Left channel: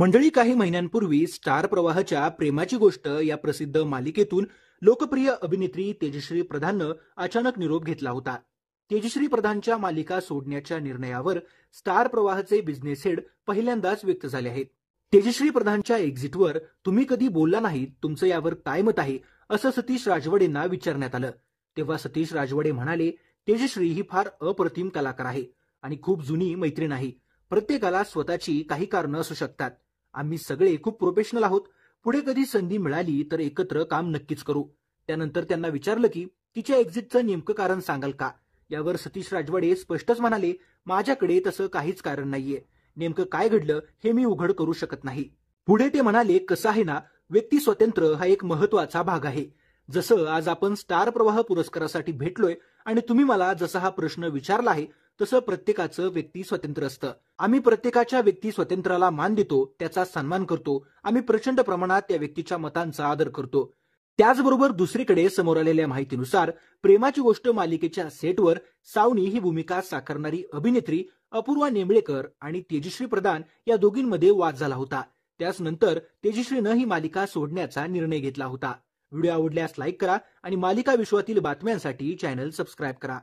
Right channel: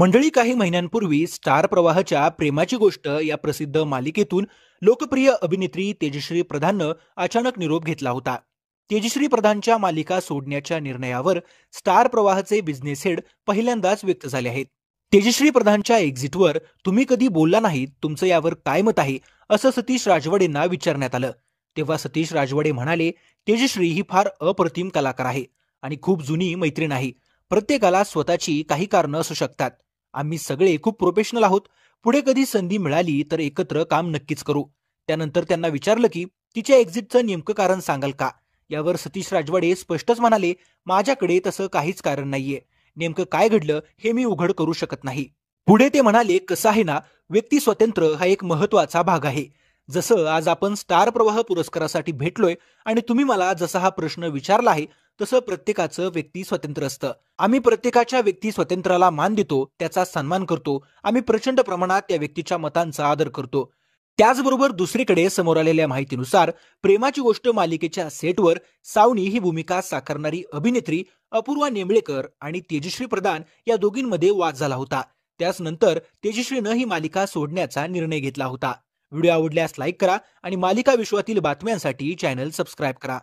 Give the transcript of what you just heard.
मंडळी, काही महिन्यांपूर्वी स्टार प्रवाहच्या प्रेमाची गोष्ट या प्रसिद्ध मालिकेतून लोकप्रिय अभिनेत्री तेजश्री प्रधाननं अचानक निरोप घेतला होता. तेजश्री प्रधानच्या मालिका सोडण्याच्या निर्णयावर स्टार प्रवाहचे बिझनेस हेड पहिल्यांदाच व्यक्त झाले आहेत. तेजश्री प्रधानच्या एक्झिटवर तुम्ही कधी बोलला नाहीत, तुमचं यावर काय मत आहे, असं सतीश राजवाडेंना विचारण्यात आलं. तेव्हा सतीश राजवाडे म्हणाले, तेजश्री ही फार अप्रतिम कलाकार आहे आणि खूप जुनी मैत्रीण आहे. प्रत्येकाला स्वतःची काही कारणं असू शकतात. आम्ही सगळे खूप प्रोफेशनल आहोत. पुढे कधी संधी मिळाली तर एकत्र काम नक्कीच करू. त्यानंतर त्यांना विचारलं की तिच्या एक्झिटचं नेमकं कारण सांगाल का. यावर सतीश राजवाडे स्पष्टच म्हणाले, माझ्याकडे तसं काहीच कारण नाहीये. नेमकं काय घडलं हे मी उघड करू शकत नाही. पुढे ते म्हणाले, कसं आहे ना, व्यक्ती स्वातंत्र्य हा एक महत्वाचा भाग आहे. जसं आज आपण स्टार प्रवाह पुरस्कारासाठी भेटलोय आणि तुम्ही मला जसा हा प्रश्न विचारला आहे तसं प्रत्येकाचं व्यक्ती स्वातंत्र्य असतं. आम्ही प्रत्येकाच्या व्यक्ती स्वातंत्र्याला मान देतो, त्याचा सन्मान करतो. आम्ही प्रचंड प्रमाणात त्या व्यक्तीच्या मतांचा आदर करतो. त्याचबरोबर दुसरीकडे समोर आलेल्या माहितीनुसार प्रेमाची गोष्ट मालिकेच्या सेटवर सावनी ही भूमिका साकारणारी अभिनेत्री अपूर्वा नेमळेकर आणि तेजश्री प्रधान या दोघींमध्ये वाद झाला होता. त्याच नंतर तेजश्रीनं ही मालिका सोडण्याचा निर्णय घेतला होता. व्हिडिओ आवडल्यास लाईक करा आणि मालिका विश्वातील बातम्यांसाठी चॅनल सबस्क्राईब करा.